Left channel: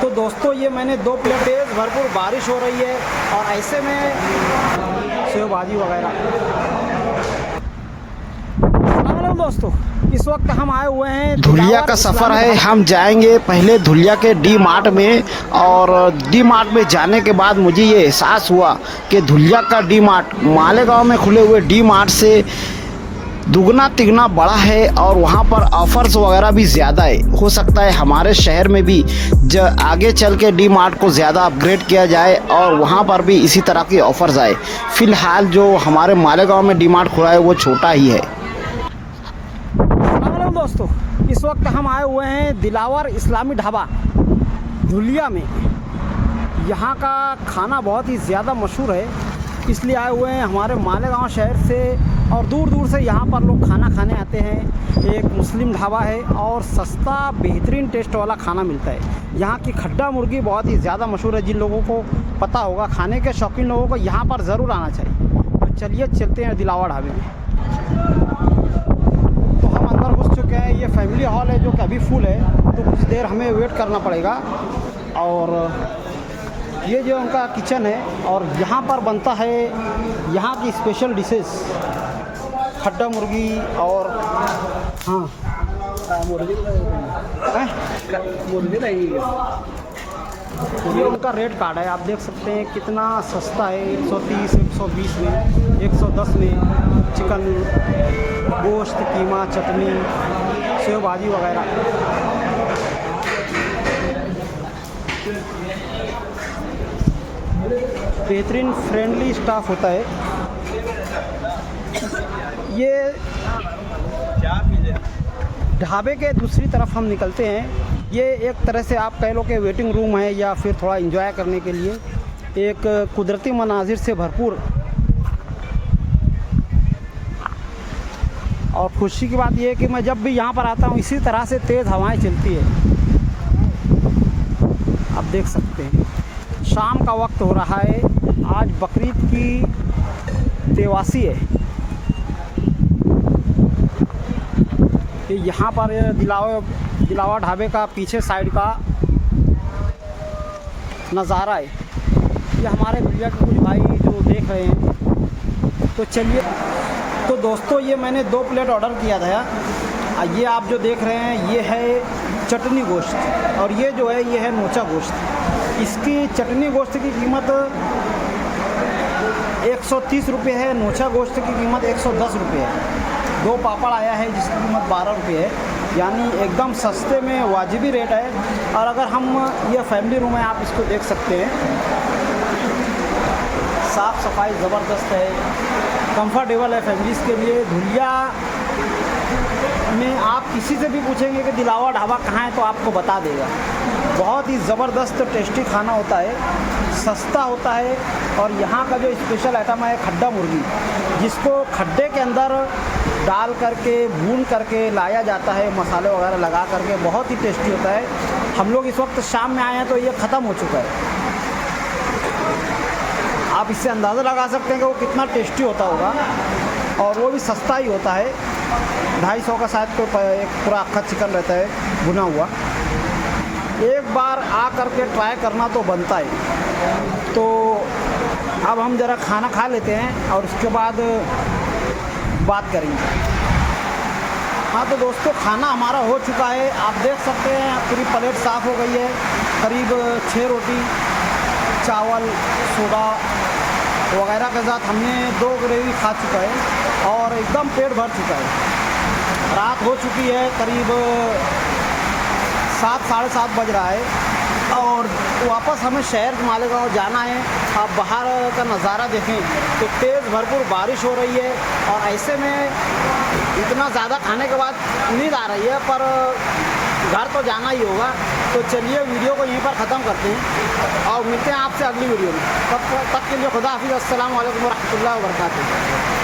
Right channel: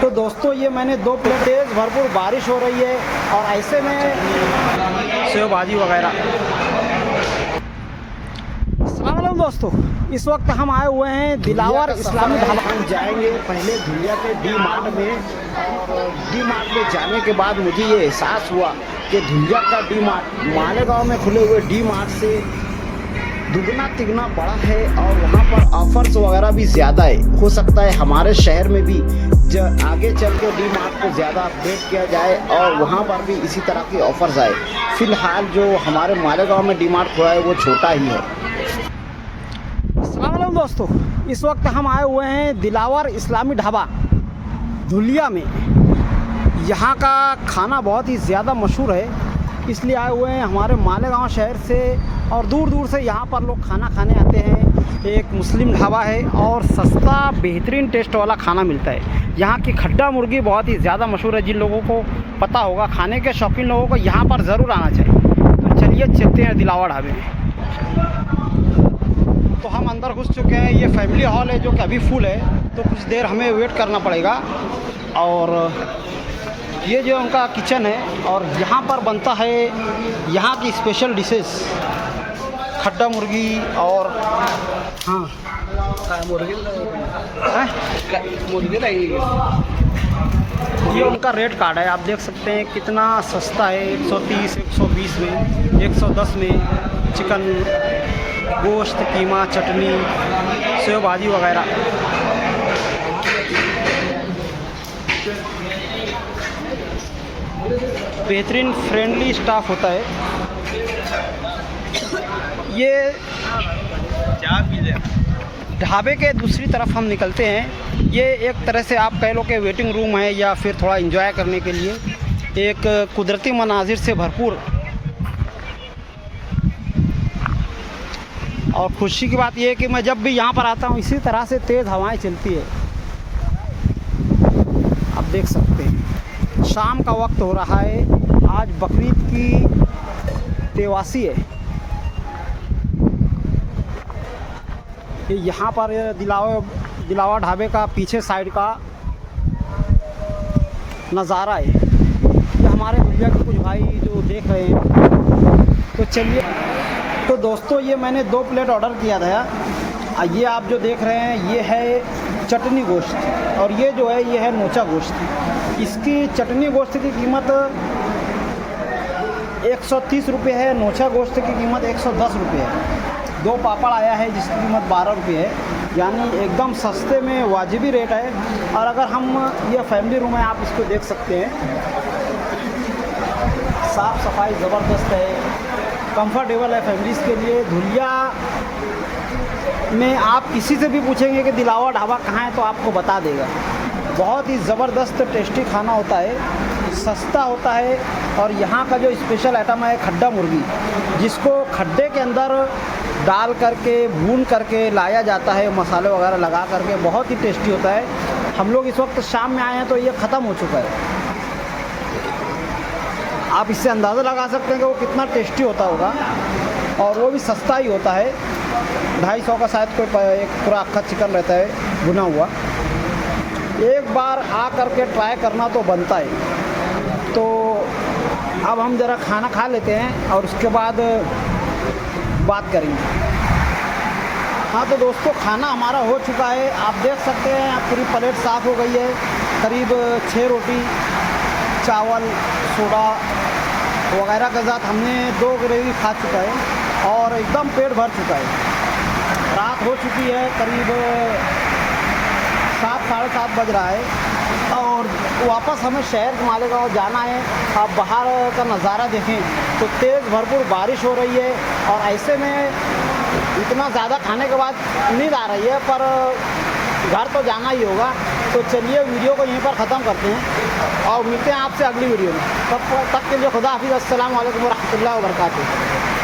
तो दोस्तों ये मैंने 2 प्लेट, तेज़ भरपूर बारिश हो रही है और ऐसे में सेव भाजी वगैरह। अस्सलाम वालेकुम दोस्तों, इस वक्त हम आए हुए हैं धुलिया का सफ़र है। हम जाएंगे पहले धुलिया के डी मार्ट में, और डी मार्ट में जाने के बाद मुझे ये एहसास हुआ कि धुलिया का डी मार्ट मालेगांव में खुले हुए डी मार्ट से दुगना तिगना बड़ा है और वहाँ पर ऑफर्स वगैरह भी ज़्यादा है। हो सकता है हमारे शहर में भी आगे चल के डी मार्ट को ज़्यादा अपग्रेड किया जाए और वहाँ पर भी इसी तरह के ऑफर्स आए। फ़िलहाल जो हमारे मालेगांव में डी मार्ट खुला है वो छोटा ही है। अस्सलाम वालेकुम दोस्तों, इस वक्त हम आए हुए हैं दिलावर इस्लामी ढाबा धुलिया में। यहाँ का खाना बहुत ही ज़्यादा मशहूर है, इसलिए आए हुए हैं हमारे मालेगांव शहर से और दूर दूर से यहाँ पर लोग खाना खाने आते हैं। एक मुस्लिम ढाबा है और सस्ता बेहतरीन टेस्ट वाला खाना मिलता है। यहाँ की खड्डा मुर्गी बहुत ही ज़्यादा मशहूर है। जिन लोगों को पता होगा, खाने के शौकीन लोगों को यहाँ पर ज़रूर आना चाहिए। तो चलिए चलते हैं दिलावर ढाबे में। तो हम अंदर घुस चुके हैं। ये फैमिली हॉल है जो कि अभी फुल है, तो कुछ देर हमें वेट करना पड़ेगा। और ये जो उनका किचन है और यहाँ पर बनता है यहाँ की स्पेशल डिशेस, खड्डा मुर्गी और मुर्गी ये उनका रेट कार्ड है। आप देख सकते हैं कितना सस्ता है। 130, 120 में, 110 में चिकन, गोश्त, कीमा, चटनी, सेव भाजी वगैरह। बेहतरीन फ्रेंडली स्टाफ होता है। ये ढाबे के दूसरी तरफ हम निकलते हैं। ये एक तरह से आप कह लो कि वेटिंग रूम है या फिर थोड़ा एंजॉय करने के लिए एक कुदरती मनाजिर से भरपूर। और खुशी की बात यह है कि मैं जब भी यहाँ पर आता हूँ इसी तरह से तेज़ हवाएं चलती है। आप देख सकते हैं शाम का वक्त हो रहा है। आज बकरीद की तेवासी है। यहाँ पर दिलावर ढाबे का पीछे साइड का नज़ारा है। ये हमारे धुलिया के कुछ भाई जो देख रहे हैं। तो चलिए, तो दोस्तों ये मैंने 2 प्लेट ऑर्डर किया था। ये आप जो देख रहे हैं ये है चटनी गोश्त और ये जो है ये है नोचा गोश्त। इसकी चटनी गोश्त की कीमत 130 रुपये है, नोचा गोश्त की कीमत 110 रुपये है। 2 पापड़ आया है जिसकी कीमत 12 रुपये है, यानी एकदम सस्ते में वाजिबी रेट है। और अगर हम ये फैमिली रूम है, आप इसको देख सकते हैं, साफ़ सफाई ज़बरदस्त है, कंफर्टेबल है फैमिलीज़ के लिए। धुलिया में आप किसी से भी पूछेंगे कि दिलावर ढाबा कहाँ है तो आपको बता देगा। बहुत ही ज़बरदस्त टेस्टी खाना होता है, सस्ता होता है। और यहाँ का जो स्पेशल आइटम है खड्डा मुर्गी, जिसको खड्डे के अंदर डाल करके भून करके लाया जाता है, मसाले वगैरह लगा करके, बहुत ही टेस्टी होता है। हम लोग इस वक्त शाम में आए हैं तो ये ख़त्म हो चुका है। आप इससे अंदाज़ा लगा सकते हैं कि वो कितना टेस्टी होता होगा, और वो भी सस्ता ही होता है। 250 का शायद कोई एक पूरा अक्खा चिकन रहता है भुना हुआ। एक बार आ करके ट्राई करना तो बनता है। तो अब हम ज़रा खाना खा लेते हैं और उसके बाद बात करेंगे। हाँ तो दोस्तों खाना हमारा हो चुका है। आप देख सकते हैं पूरी प्लेट साफ़ हो गई है। करीब 6 रोटी, चावल, सोडा वगैरह के साथ हमने 2 ग्रेवी खा चुका है और एकदम पेट भर चुका है। रात हो चुकी है, करीब 7, साढ़े 7 बज रहा है और वापस हमें शहर मालेगांव जाना है। आप बाहर का नज़ारा देखें तो तेज़ भरपूर बारिश हो रही है और ऐसे में इतना ज़्यादा खाने के बाद नींद आ रही है, पर घर तो जाना ही होगा। तो चलिए वीडियो को यहीं पर ख़त्म करते हैं और मिलते हैं आपसे अगली वीडियो में। तब तक के लिए खुदा हाफिज़। अस्सलाम वालेकुम व रहमतुल्लाहि व बरकातुहू।